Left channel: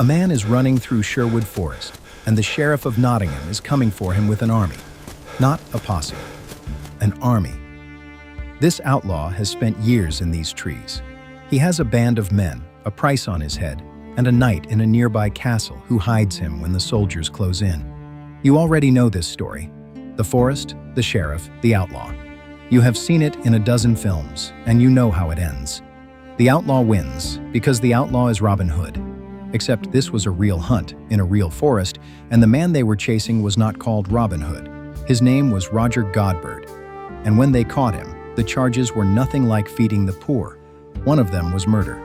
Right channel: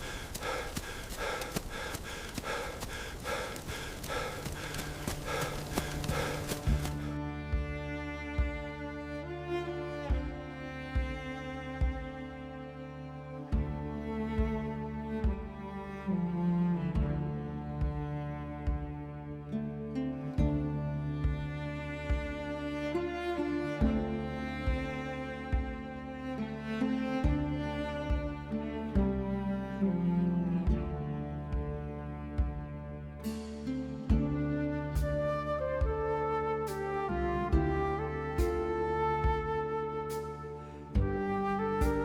A man is running through Sherwood Forest, and the Sheriff of Nottingham is coming for him with an army. Not a posse, an army. This outlaw has spent years in these trees. He has a band of men, a price on his head, and a knight in a nearby castle who hides him when the soldiers close in. You already know this story. The forest, the sheriff, the outlaw. You have seen it in a dozen films, and you know how it ends. The outlaw wins, because the outlaw is Robin Hood. Except this was a real hunt, in a real forest, and the man they were chasing was not called Robin Hood. His name was Roger Godberd. And when they caught him, the charges were nothing like feeding the poor. One of them was murder.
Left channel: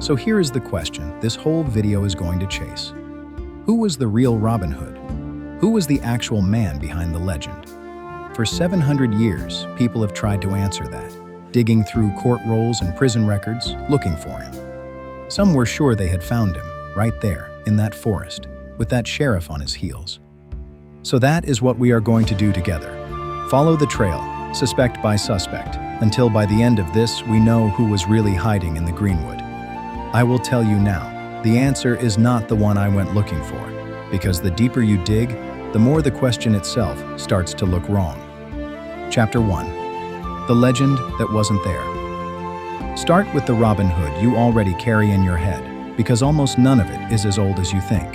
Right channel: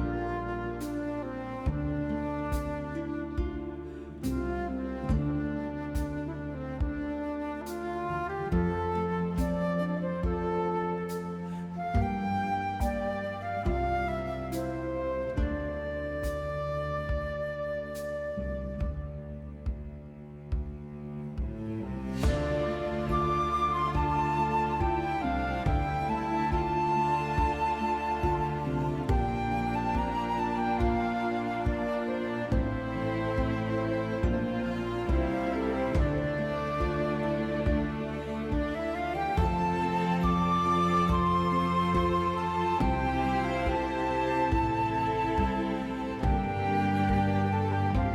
So here is the question this whole video is going to chase. Who was the real Robin Hood? Who was the actual man behind the legend? For 700 years, people have tried to answer that, digging through court rolls and prison records, looking for him. Some were sure they had found him, right there, in that forest, with that sheriff on his heels. So that is what we are going to do together. Follow the trail, suspect by suspect, until by the end of this we know who was really hiding in the greenwood. I will tell you now, the answer is not the one I went looking for, because the deeper you dig, the more the question itself starts to look wrong. Chapter 1. The Legend That Wasn't There. Start with the Robin Hood you already carry in your head, because almost none of it is as old as you think.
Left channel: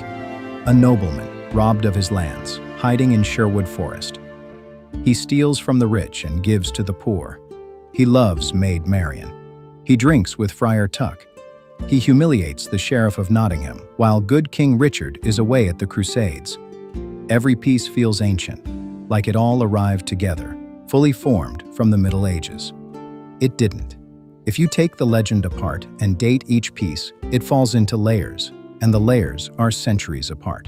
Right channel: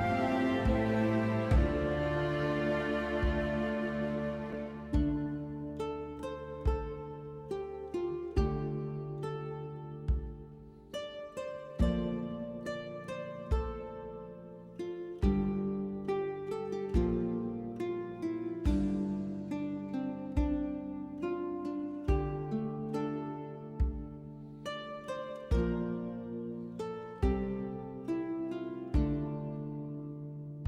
A nobleman, robbed of his lands, hiding in Sherwood Forest. He steals from the rich and gives to the poor. He loves Maid Marian. He drinks with Friar Tuck. He humiliates the Sheriff of Nottingham, while good King Richard is away at the Crusades. Every piece feels ancient, like it all arrived together, fully formed from the Middle Ages. It didn't. If you take the legend apart and date each piece, it falls into layers, and the layers are centuries apart.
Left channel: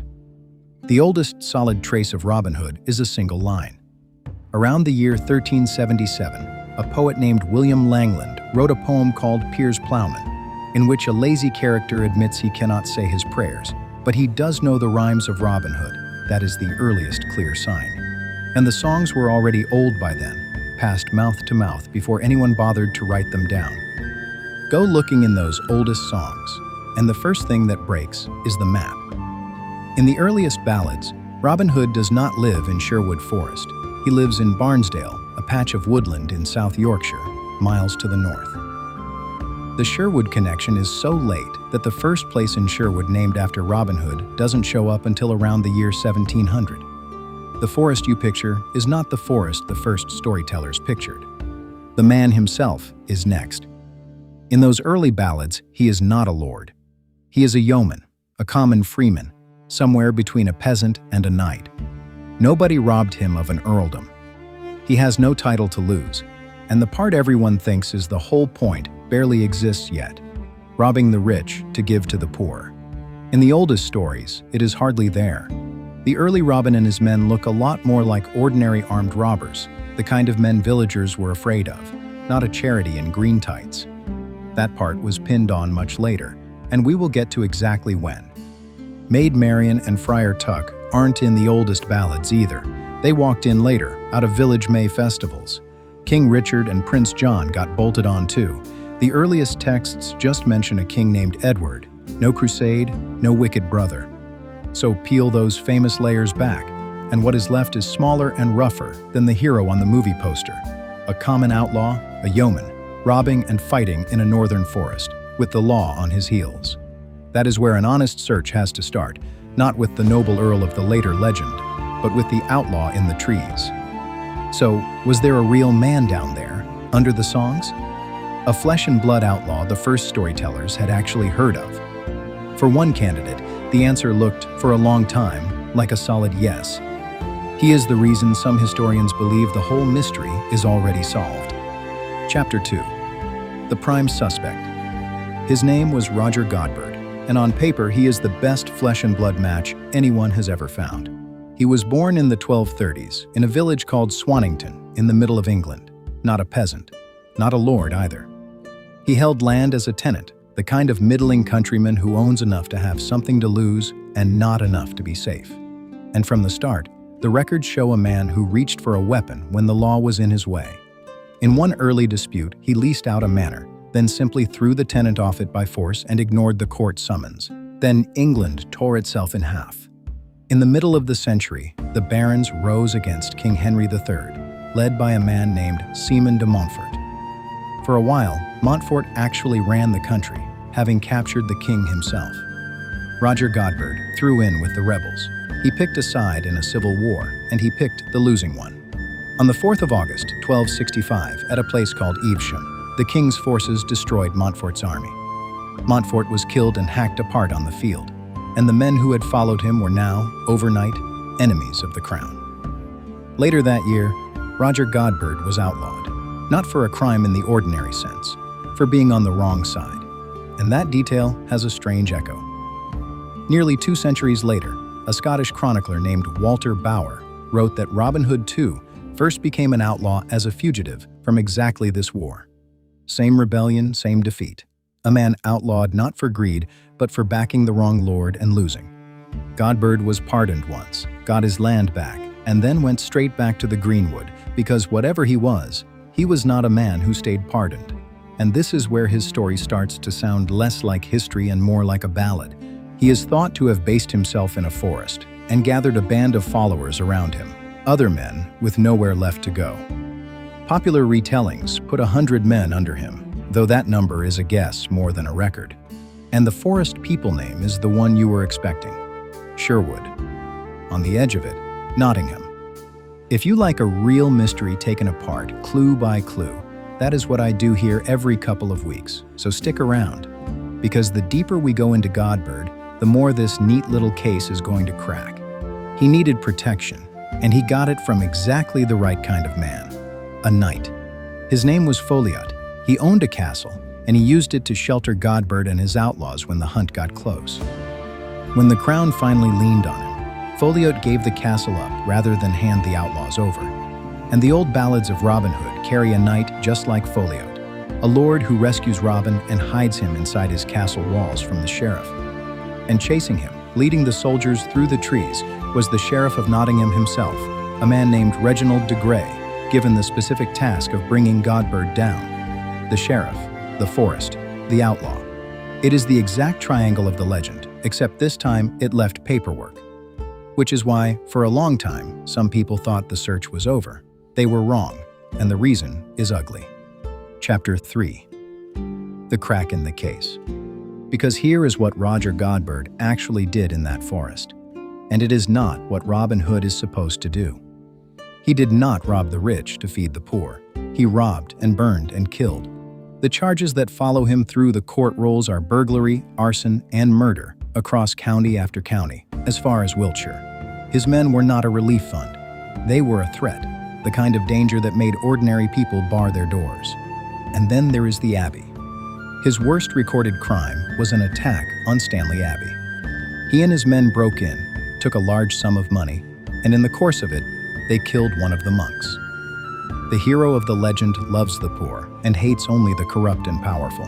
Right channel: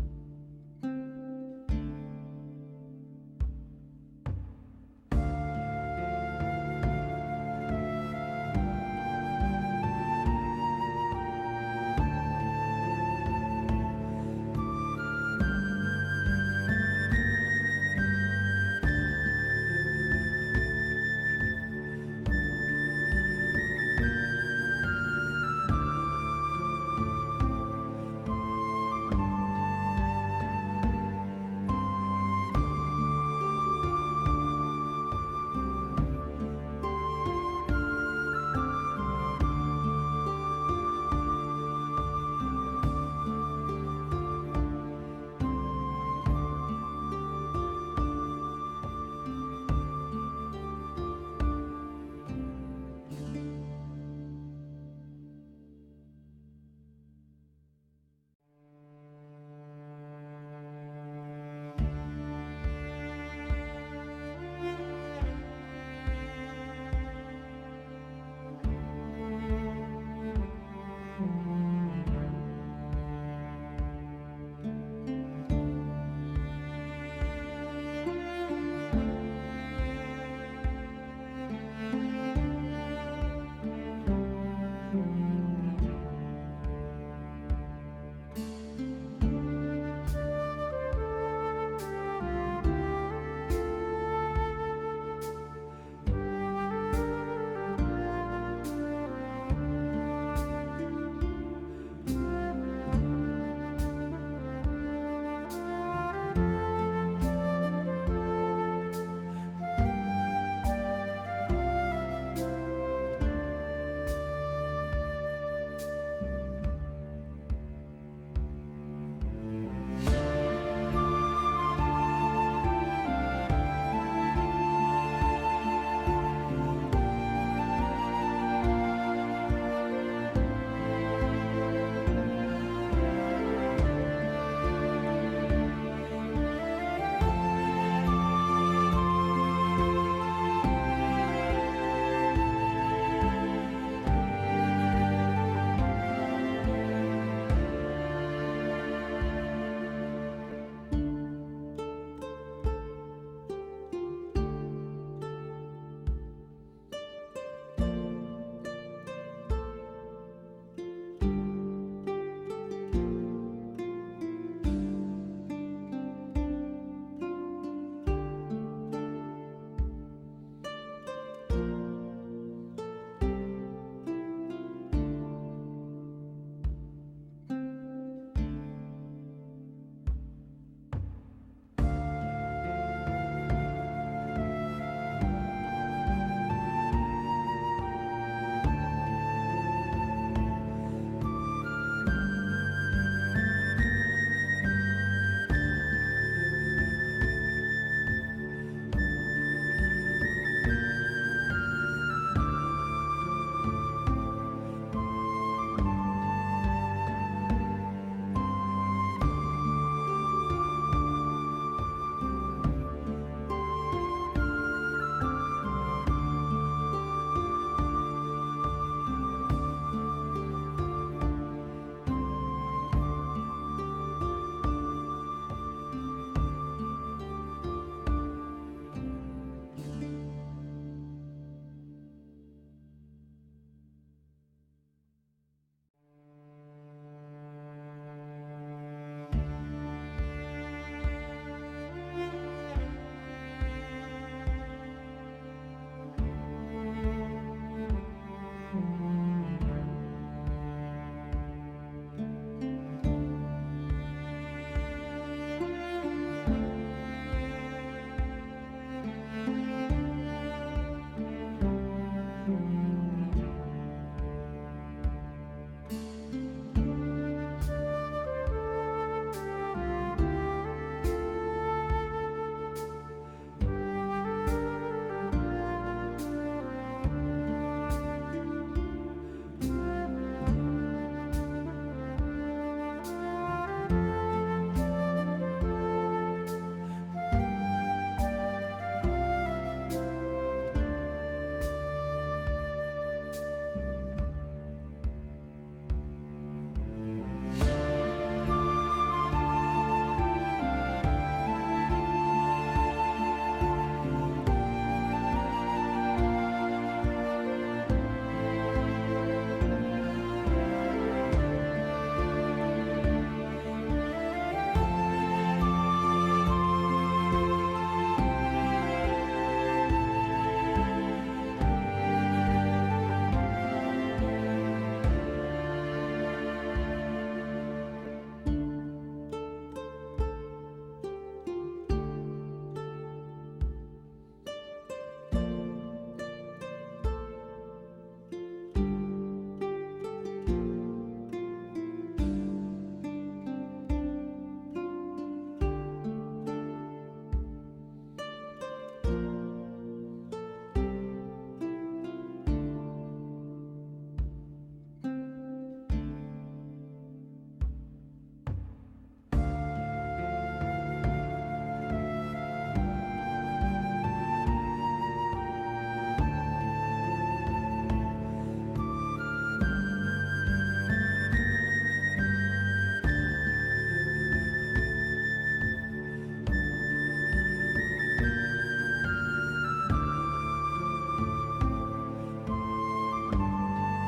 The oldest solid trace of Robin Hood is a single line. Around the year 1377, a poet named William Langland wrote a poem called Piers Plowman, in which a lazy character admits he cannot say his prayers, but he does know the rhymes of Robin Hood. That is the earliest clear sign. And the songs were already old by then, passed mouth to mouth before anyone bothered to write them down. Go looking in those oldest songs, and the first thing that breaks is the map. In the earliest ballads, Robin Hood does not live in Sherwood Forest. He lives in Barnesdale, a patch of woodland in South Yorkshire, miles to the north. The Sherwood connection is so late that the first place in Sherwood named after Robin Hood doesn't show up until around the year 1700. The forest you picture is not the forest the first storytellers pictured. The man himself is next. In those early ballads, he is not a lord. He is a yeoman, a common freeman, somewhere between a peasant and a knight. Nobody robbed him of an earldom. He has no title to lose, and the part everyone thinks is the whole point barely exists yet, robbing the rich to give to the poor. In the oldest stories, it is hardly there. The early Robin and his men look a lot more like ordinary armed robbers, the kind of men villagers were afraid of, not a charity in green tights. That part was pinned on much later, and we will get to exactly when. Maid Marian and Friar Tuck aren't in the oldest ballads either. They walked in later, out of village May festivals. King Richard and Prince John got bolted on too. The earliest texts just mention a king named Edward. No crusade, no wicked brother. So peel those famous layers back, and what is left is smaller and rougher than the hero on the movie poster. A common outlaw, a yeoman, robbing and fighting in a northern forest, with the law on his heels. That is where an honest search has to start, not with the noble earl of the later legend, but with the outlaw in the trees. So, was there a real man down there, under the songs? A flesh and blood outlaw the first storytellers had actually heard of. For one candidate, the answer looked, for a long time, like a solid yes. He is the reason some historians believe the whole mystery is already solved. Chapter 2. The Prime Suspect. His name was Roger Godberd, and on paper he is the best flesh and blood match anyone has ever found. He was born in the 1230s in a village called Swannington in the middle of England. Not a peasant, not a lord either. He held land as a tenant, the kind of middling countryman who owns enough to have something to lose and not enough to be safe. And from the start, the records show a man who reached for a weapon when the law was in his way. In one early dispute, he leased out a manor, then simply threw the tenant off it by force and ignored the court summons. Then England tore itself in half. In the middle of the century, the barons rose against King Henry III, led by a man named Simon de Montfort. For a while, Montfort actually ran the country, having captured the king himself. Roger Godberd threw in with the rebels. He picked a side in a civil war, and he picked the losing one. On the 4th of August, 1265, at a place called Evesham, the king's forces destroyed Montfort's army. Montfort was killed and hacked apart on the field, and the men who had followed him were now, overnight, enemies of the crown. Later that year, Roger Godberd was outlawed, not for a crime in the ordinary sense, for being on the wrong side. And that detail has a strange echo. Nearly 2 centuries later, a Scottish chronicler named Walter Bower wrote that Robin Hood too first became an outlaw as a fugitive from exactly this war. Same rebellion, same defeat. A man outlawed not for greed, but for backing the wrong lord and losing. Godberd was pardoned once, got his land back, and then went straight back to the greenwood, because whatever he was not a man who stayed pardoned. And this is where his story starts to sound less like history and more like a ballad. He is thought to have based himself in a forest and gathered a band of followers around him, other men with nowhere left to go. Popular retellings put 100 men under him, though that number is a guess more than a record. And the forest people name is the one you were expecting, Sherwood. On the edge of it, Nottingham. If you like a real mystery taken apart, clue by clue, that is what I do here every couple of weeks, so stick around. Because the deeper we go into Godberd, the more this neat little case is going to crack. He needed protection, and he got it from exactly the right kind of man, a knight. His name was Fulk. He owned a castle, and he used it to shelter Godberd and his outlaws when the hunt got close. When the crown finally leaned on him, Fulk gave the castle up rather than hand the outlaws over. And the old ballads of Robin Hood carry a knight just like Fulk, a lord who rescues Robin and hides him inside his castle walls from the sheriff. And chasing him, leading the soldiers through the trees, was the Sheriff of Nottingham himself, a man named Reginald de Grey, given the specific task of bringing Godberd down. The sheriff, the forest, the outlaw. It is the exact triangle of the legend, except this time it left paperwork. Which is why, for a long time, some people thought the search was over. They were wrong, and the reason is ugly. Chapter 3. The crack in the case. Because here is what Roger Godberd actually did in that forest. And it is not what Robin Hood is supposed to do. He did not rob the rich to feed the poor. He robbed and burned and killed. The charges that follow him through the court rolls are burglary, arson, and murder across county after county, as far as Wiltshire. His men were not a relief fund. They were a threat, the kind of danger that made ordinary people bar their doors. And then there is the Abbey. His worst recorded crime was an attack on Stanley Abbey. He and his men broke in, took a large sum of money, and in the course of it, they killed one of the monks. The hero of the legend loves the poor and hates only the corrupt and powerful.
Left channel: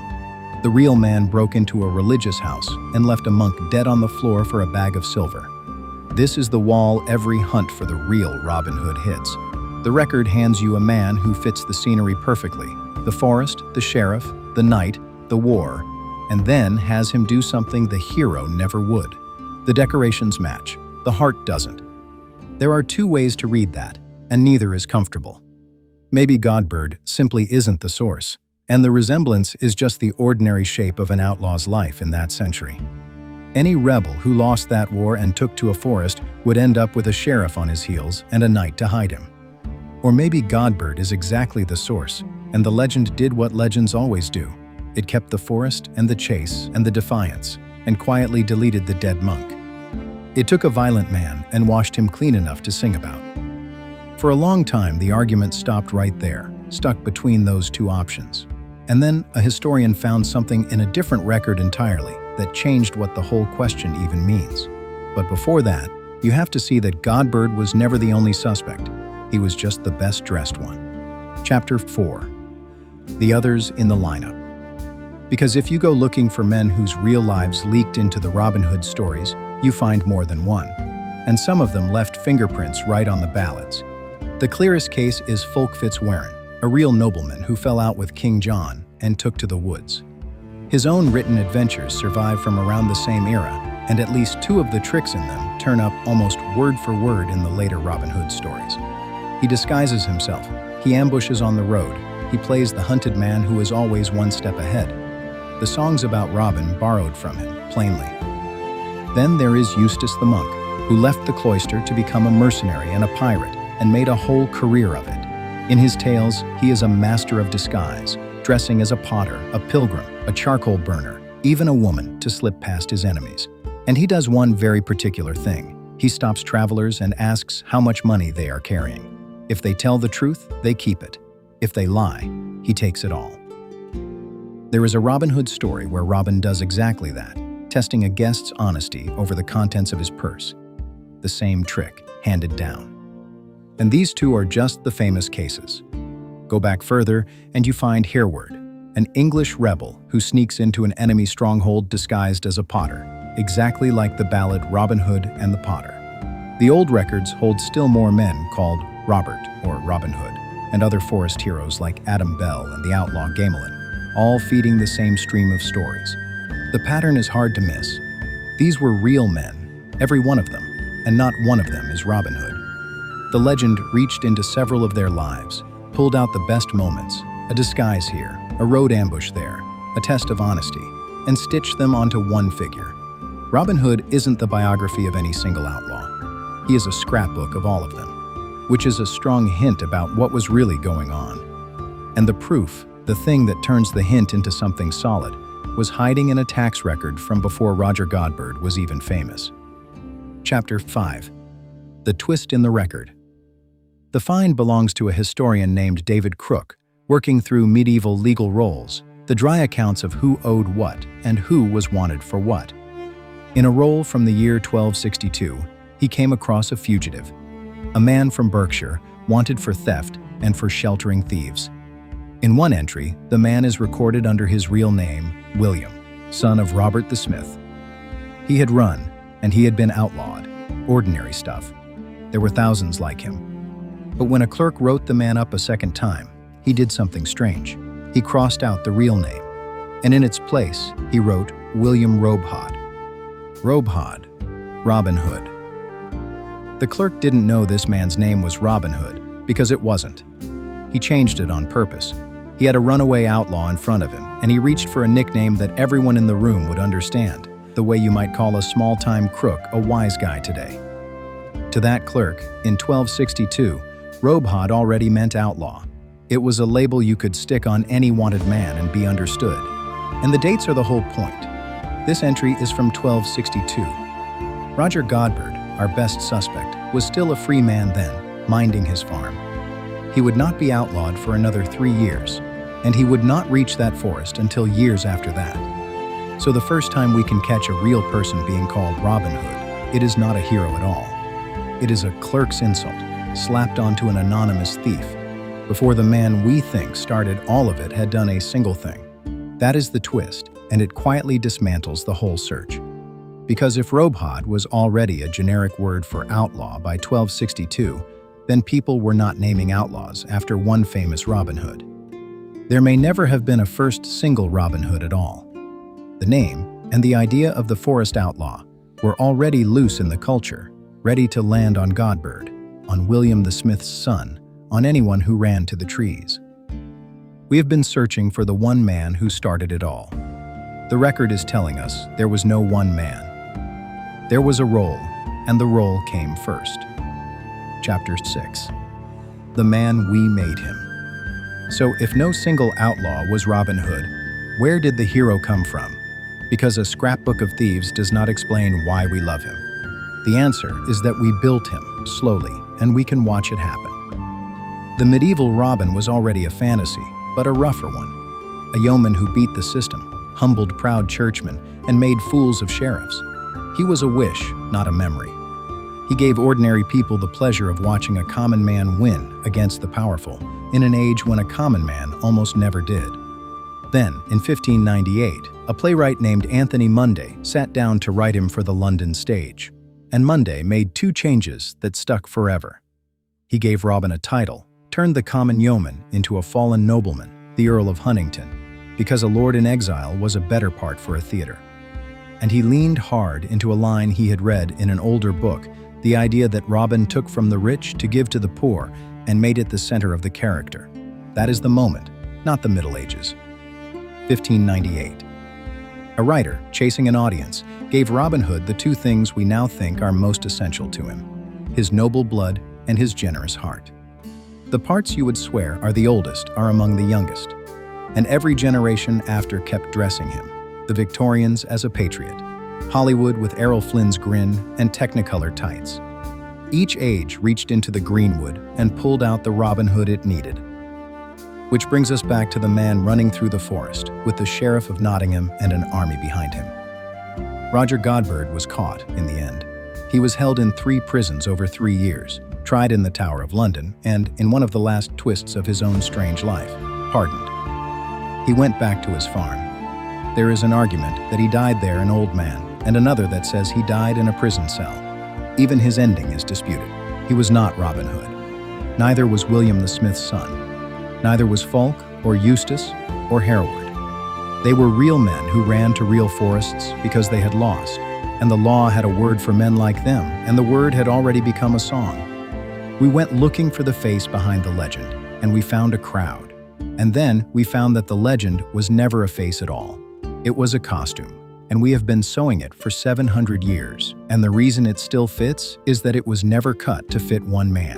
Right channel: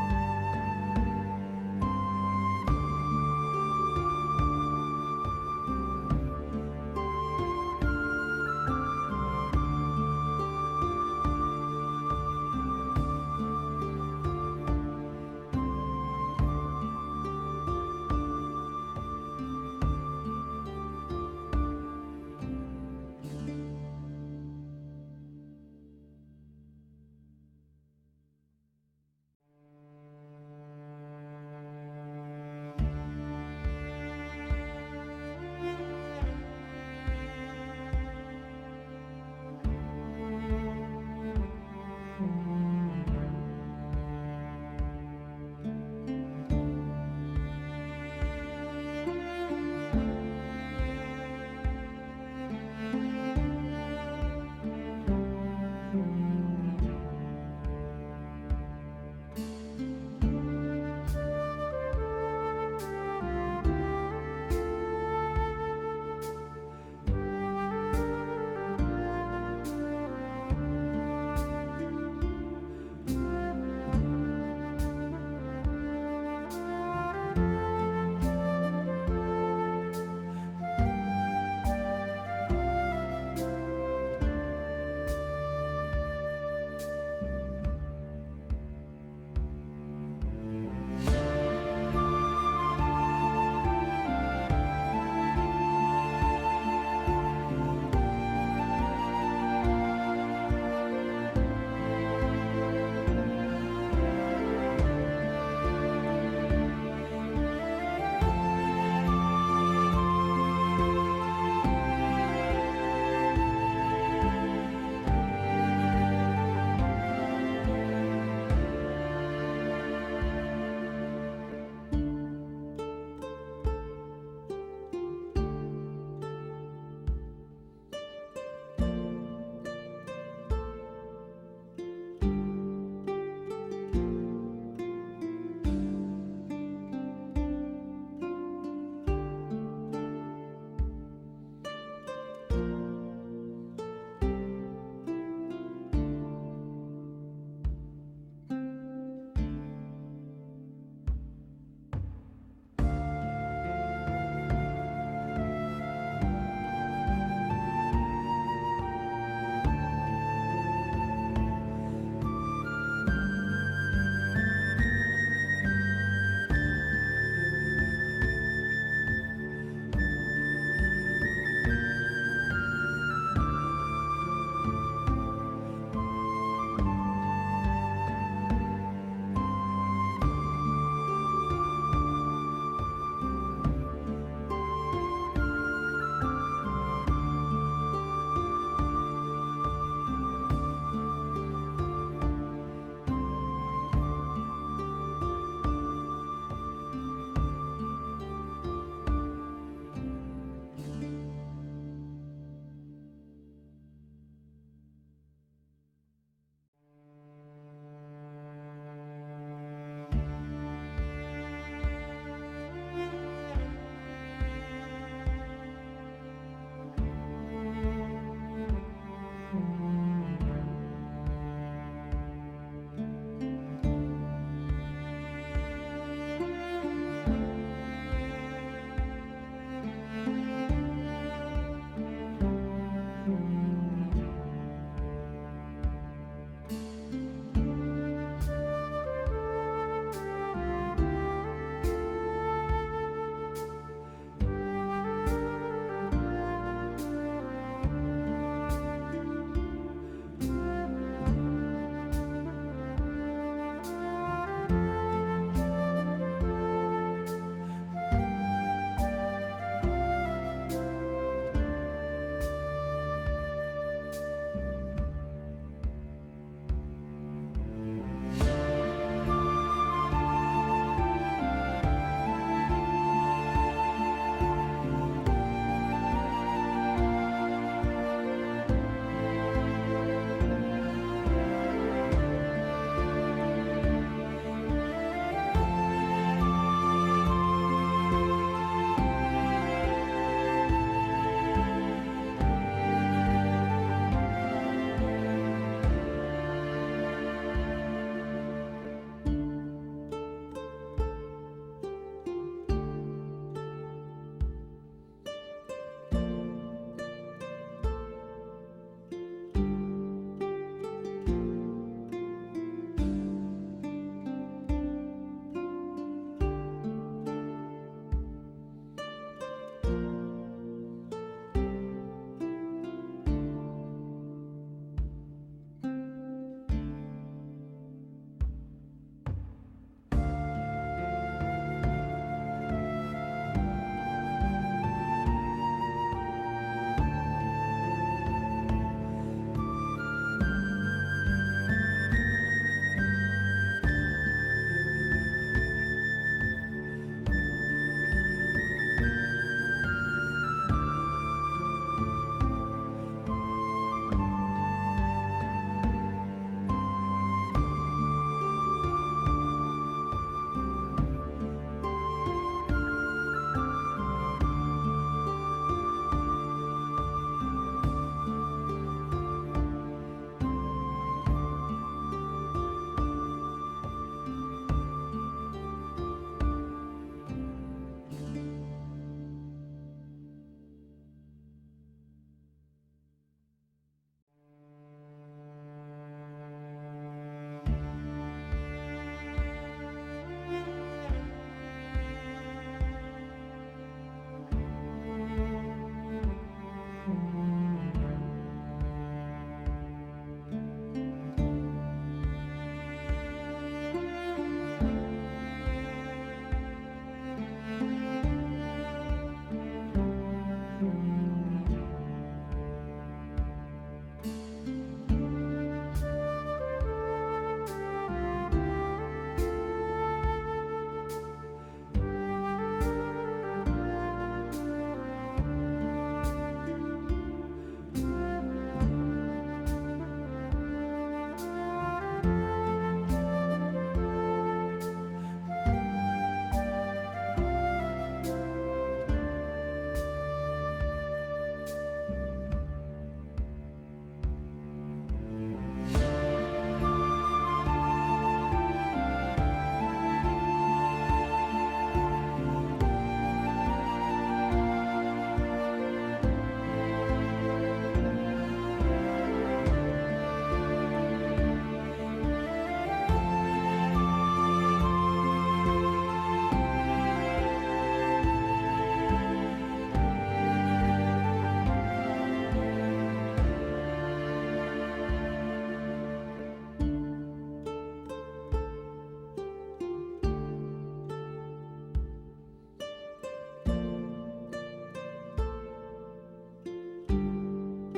The real man broke into a religious house and left a monk dead on the floor for a bag of silver. This is the wall every hunt for the real Robin Hood hits. The record hands you a man who fits the scenery perfectly: the forest, the sheriff, the knight, the war, and then has him do something the hero never would. The decorations match, the heart doesn't. There are 2 ways to read that, and neither is comfortable. Maybe Godberd simply isn't the source, and the resemblance is just the ordinary shape of an outlaw's life in that century. Any rebel who lost that war and took to a forest would end up with a sheriff on his heels and a knight to hide him. Or maybe Godberd is exactly the source, and the legend did what legends always do. It kept the forest and the chase and the defiance, and quietly deleted the dead monk. It took a violent man and washed him clean enough to sing about. For a long time, the argument stopped right there, stuck between those 2 options. And then a historian found something in a different record entirely that changed what the whole question even means. But before that, you have to see that Godberd was never the only suspect. He was just the best dressed one. Chapter 4. The others in the lineup. Because if you go looking for men whose real lives leaked into the Robin Hood stories, you find more than one. And some of them left fingerprints right on the ballads. The clearest case is Fulk FitzWarin, a real nobleman who fell out with King John and took to the woods. His own written adventures survive from around the same era, and at least two of the tricks in them turn up almost word for word in the later Robin Hood stories. He disguises himself, he ambushes on the road, he plays the hunted man who is always one step ahead. The songs about Robin borrowed from him, plainly. Then there is Eustace the Monk, who left the cloister to become a mercenary and a pirate, and made a whole career of it. In his tales, he is a master of disguise, dressing as a potter, a pilgrim, a charcoal burner, even a woman to slip past his enemies. And he does one very particular thing. He stops travelers and asks how much money they are carrying. If they tell the truth, they keep it. If they lie, he takes it all. There is a Robin Hood story where Robin does exactly that, testing a guest's honesty over the contents of his purse. The same trick, handed down. And these two are just the famous cases. Go back further, and you find Hereward, an English rebel who sneaks into an enemy stronghold disguised as a potter, exactly like the ballad Robin Hood and the Potter. The old records hold still more men called Robert or Robin Hood, and other forest heroes like Adam Bell and the outlaw Gamelin, all feeding the same stream of stories. The pattern is hard to miss. These were real men, every one of them, and not one of them is Robin Hood. The legend reached into several of their lives, pulled out the best moments, a disguise here, a road ambush there, a test of honesty, and stitched them onto one figure. Robin Hood isn't the biography of any single outlaw. He is a scrapbook of all of them, which is a strong hint about what was really going on. And the proof, the thing that turns the hint into something solid, was hiding in a tax record from before Roger Godberd was even famous. Chapter 5. The Twist in the Record. The find belongs to a historian named David Crook, working through medieval legal rolls, the dry accounts of who owed what and who was wanted for what. In a roll from the year 1262, he came across a fugitive, a man from Berkshire, wanted for theft and for sheltering thieves. In one entry, the man is recorded under his real name, William, son of Robert the Smith. He had run, and he had been outlawed, ordinary stuff. There were thousands like him. But when a clerk wrote the man up a second time, he did something strange. He crossed out the real name, and in its place, he wrote William Robehod. Robehod, Robin Hood. The clerk didn't know this man's name was Robin Hood because it wasn't. He changed it on purpose. He had a runaway outlaw in front of him, and he reached for a nickname that everyone in the room would understand, the way you might call a small-time crook a wise guy today. To that clerk, in 1262, Robehod already meant outlaw. It was a label you could stick on any wanted man and be understood. And the dates are the whole point. This entry is from 1262. Roger Godberd, our best suspect, was still a free man then, minding his farm. He would not be outlawed for another 3 years, and he would not reach that forest until years after that. So the first time we can catch a real person being called Robin Hood, it is not a hero at all. It is a clerk's insult, slapped onto an anonymous thief, before the man we think started all of it had done a single thing. That is the twist, and it quietly dismantles the whole search. Because if Robehod was already a generic word for outlaw by 1262, then people were not naming outlaws after one famous Robin Hood. There may never have been a first single Robin Hood at all. The name and the idea of the forest outlaw were already loose in the culture, ready to land on Godberd, on William the Smith's son, on anyone who ran to the trees. We have been searching for the one man who started it all. The record is telling us there was no one man. There was a roll, and the roll came first. Chapter 6. The Man We Made Him. So if no single outlaw was Robin Hood, where did the hero come from? Because a scrapbook of thieves does not explain why we love him. The answer is that we built him slowly, and we can watch it happen. The medieval Robin was already a fantasy, but a rougher one. A yeoman who beat the system, humbled proud churchmen, and made fools of sheriffs. He was a wish, not a memory. He gave ordinary people the pleasure of watching a common man win against the powerful, in an age when a common man almost never did. Then, in 1598, a playwright named Anthony Munday sat down to write him for the London stage. And Munday made 2 changes that stuck forever. He gave Robin a title, turned the common yeoman into a fallen nobleman, the Earl of Huntingdon, because a lord in exile was a better part for a theater. And he leaned hard into a line he had read in an older book, the idea that Robin took from the rich to give to the poor and made it the center of the character. That is the moment, not the Middle Ages. 1598. A writer, chasing an audience, gave Robin Hood the two things we now think are most essential to him: his noble blood and his generous heart. The parts you would swear are the oldest are among the youngest, and every generation after kept dressing him, the Victorians as a patriot, Hollywood with Errol Flynn's grin and Technicolor tights. Each age reached into the greenwood and pulled out the Robin Hood it needed. Which brings us back to the man running through the forest with the Sheriff of Nottingham and an army behind him. Roger Godberd was caught in the end. He was held in 3 prisons over 3 years, tried in the Tower of London, and, in one of the last twists of his own strange life, pardoned. He went back to his farm. There is an argument that he died there an old man, and another that says he died in a prison cell. Even his ending is disputed. He was not Robin Hood. Neither was William the Smith's son. Neither was Fulk, or Eustace, or Hereward. They were real men who ran to real forests because they had lost, and the law had a word for men like them, and the word had already become a song. We went looking for the face behind the legend, and we found a crowd. And then we found that the legend was never a face at all. It was a costume, and we have been sewing it for 700 years, and the reason it still fits is that it was never cut to fit one man.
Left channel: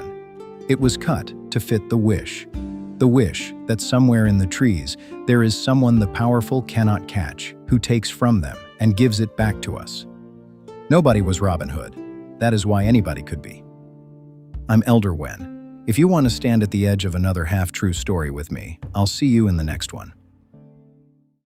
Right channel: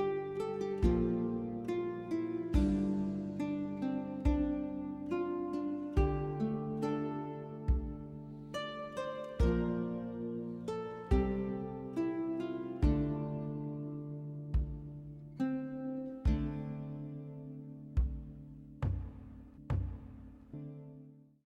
It was cut to fit the wish that somewhere in the trees there is someone the powerful cannot catch, who takes from them and gives it back to us. Nobody was Robin Hood. That is why anybody could be. I'm Elder Wen. If you want to stand at the edge of another half-true story with me, I'll see you in the next one.